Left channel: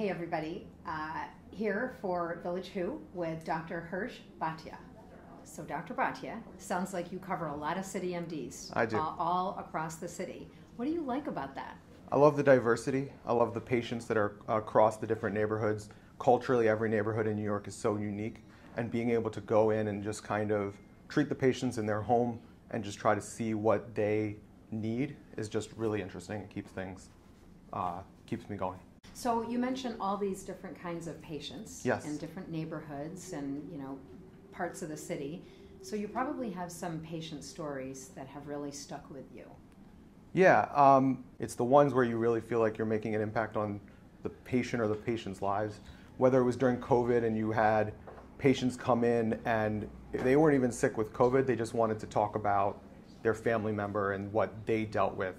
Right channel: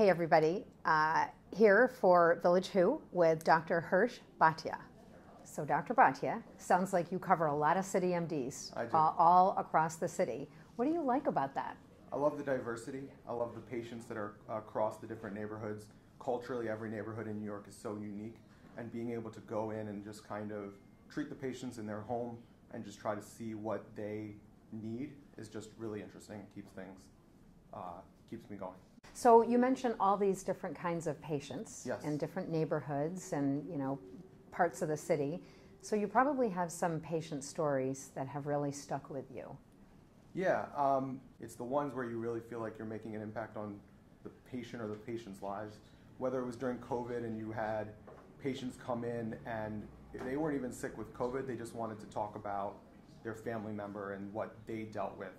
Hey everybody, here for Village Who with Dr. Hersch Bhatia. So Dr. Bhatia, sounds like you cover a lot of CityMDs. I do. All across the city. What do you like about that? I love the diversity. I love the patients that are across the different neighborhoods. Culturally, every neighborhood in New York is so unique, and being able to go in and just kind of treat the patients in their home and just try to see what they need is just really interesting. It keeps things, keeps me going. So you mentioned all these different kinds of patients. Yes. And different neighborhoods and, parts of the city. So you probably have some patient stories that have really stuck with you. Yeah, it's the ones where you really feel like you're making an impact on the patient or the patient's lives. Whether it was during COVID and you had patients come in and they weren't even sick with COVID, they just wanted to talk about their family member and what they dealt with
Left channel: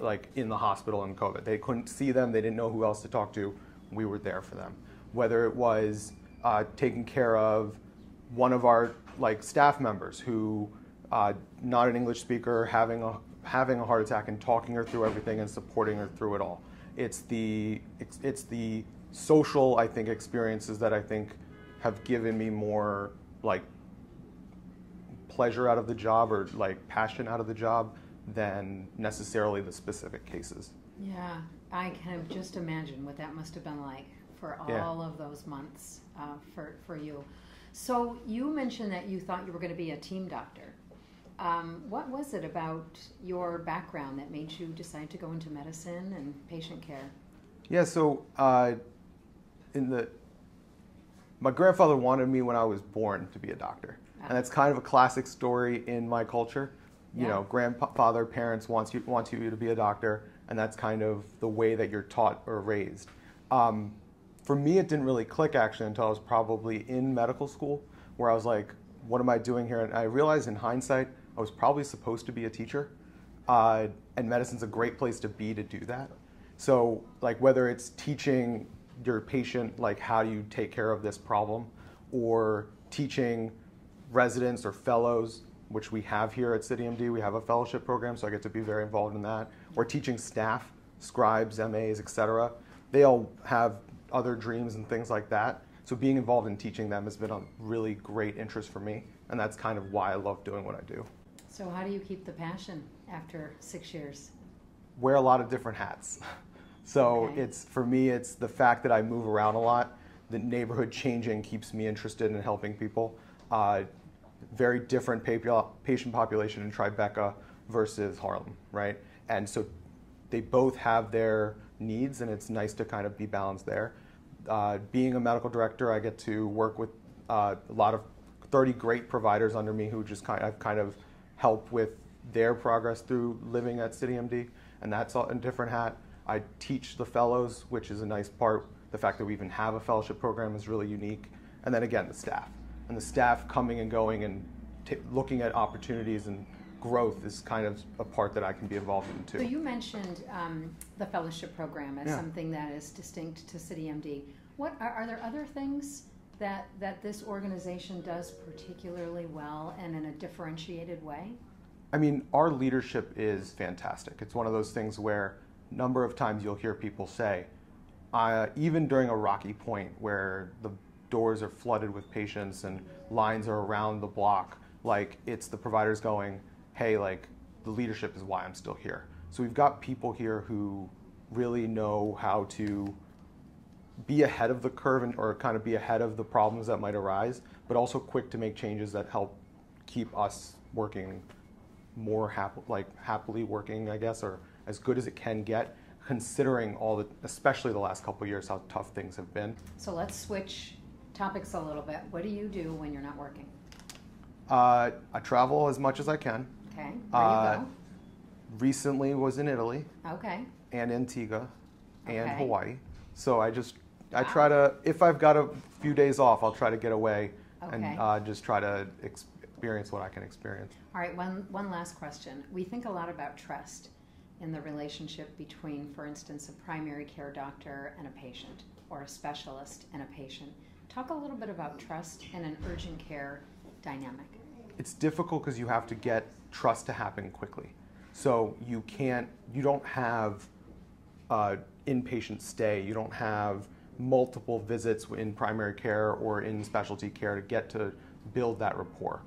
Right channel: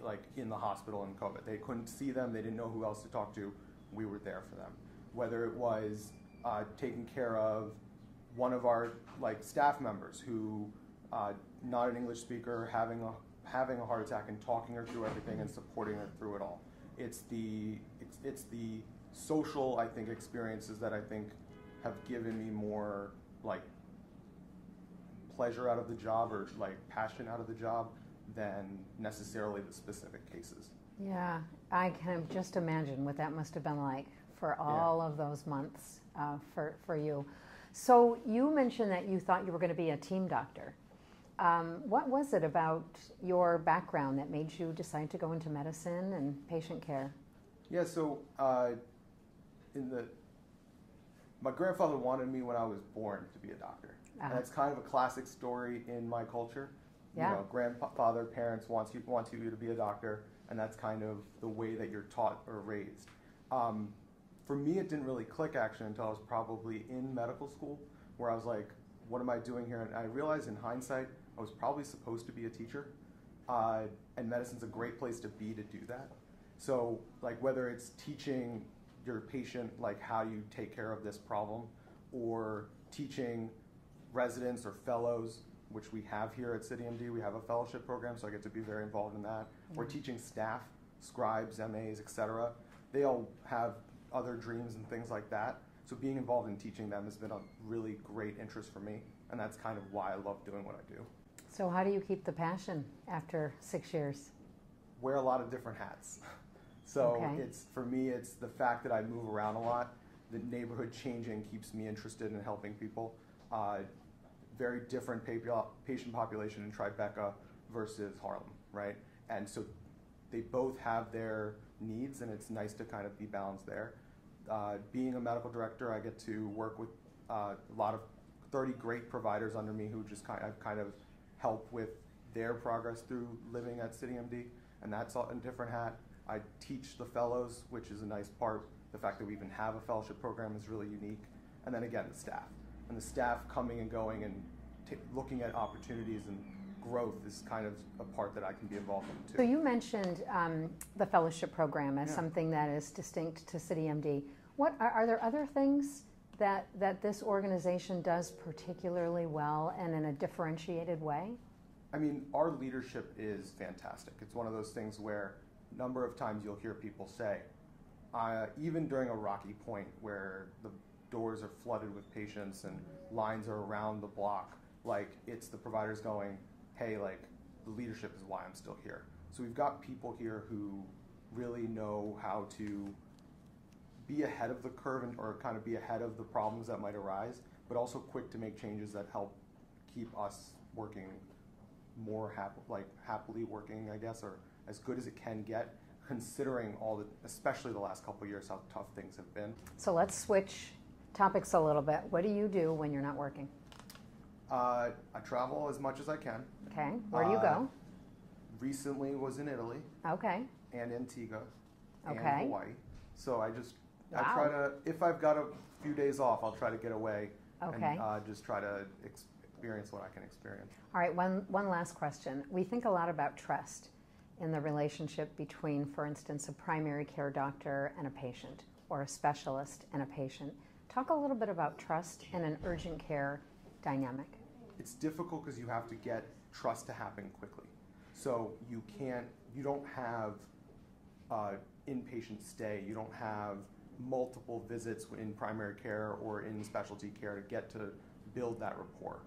like in the hospital in COVID. They couldn't see them, they didn't know who else to talk to, we were there for them. Whether it was taking care of one of our staff members who, not an English speaker, having a heart attack and talking her through everything and supporting her through it all. It's the social, I think, experiences that I think have given me more pleasure out of the job or passion out of the job than necessarily the specific cases. Yeah, I can just imagine what that must have been like for all of those months for you. So you mentioned that you thought you were going to be a team doctor. What was it about your background that made you decide to go into medicine and patient care? Yeah, so my grandfather wanted me when I was born to be a doctor. And that's kind of a classic story in my culture. Yeah. You know, grandfather, parents want you to be a doctor, and that's kind of the way that you're taught or raised. For me, it didn't really click actually until I was probably in medical school, where I was like, what am I doing here? And I realized in hindsight, I was probably supposed to be a teacher, and medicine's a great place to be to do that. So whether it's teaching your patient how do you take care of this problem, or teaching residents or fellows, which we have here at CityMD, we have a fellowship program, so I get to be very involved in that, or teaching staff, scribes, MAs, etc. They all have other dreams and things like that. So being involved in teaching them has been a really great interest for me, and that's kind of why I love doing what I do. So how do you keep the passion after 6 years? Wear a lot of different hats. So Okay. for me, it's the fact that I move around a lot. The neighborhood changing keeps me interested in helping people. Very different patient population in Tribeca versus Harlem, right? And so they both have their needs, and it's nice to kind of be balanced there. Being a medical director, I get to work with a lot of 30 great providers under me who just I've kind of helped with their progress through living at CityMD, and that's a different hat. I teach the fellows, which is a nice part. The fact that we even have a fellowship program is really unique. And then again, the staff. And the staff coming and going and looking at opportunities and growth is kind of a part that I can be involved in too. So you mentioned the fellowship program as Yeah. something that is distinct to CityMD. What are there other things that this organization does particularly well and in a differentiated way? I mean, our leadership is fantastic. It's one of those things where a number of times you'll hear people say, even during a rocky point where the doors are flooded with patients and lines are around the block, it's the providers going, hey, the leadership is why I'm still here. So we've got people here who really know how to be ahead of the curve or kind of be ahead of the problems that might arise, but also quick to make changes that help keep us working more happily working, I guess, or as good as it can get, considering especially the last couple of years, how tough things have been. So let's switch topics a little bit. What do you do when you're not working? I travel as much as I can. Okay, where do you go? Recently was in Italy. Okay. And Antigua and Okay. Hawaii. So I Wow. try to, if I've got a few days off, I'll try to get away Okay. and just try to experience what I can experience. All right, one last question. We think a lot about trust in the relationship between, for instance, a primary care doctor and a patient, or a specialist and a patient. Talk a little bit about trust and an urgent care dynamic. It's difficult because you have to get trust to happen quickly. So you don't have inpatient stay. You don't have multiple visits in primary care or in specialty care to get to build that rapport.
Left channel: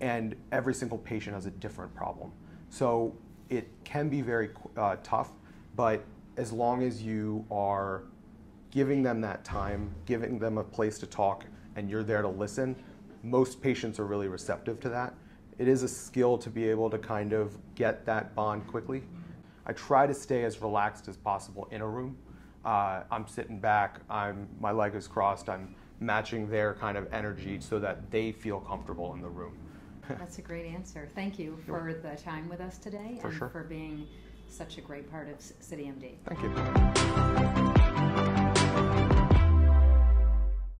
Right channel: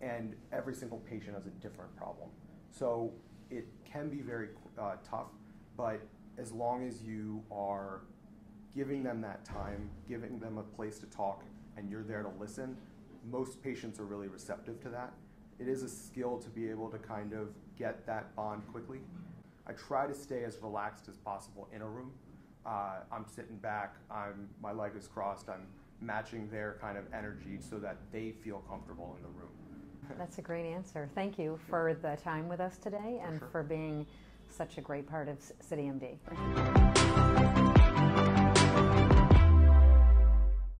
And every single patient has a different problem. So it can be very tough, but as long as you are giving them that time, giving them a place to talk, and you're there to listen, most patients are really receptive to that. It is a skill to be able to kind of get that bond quickly. I try to stay as relaxed as possible in a room. I'm sitting back, my leg is crossed, I'm matching their kind of energy so that they feel comfortable in the room. That's a great answer. Thank you for the time with us today and sure. for being such a great part of CityMD. Thank you.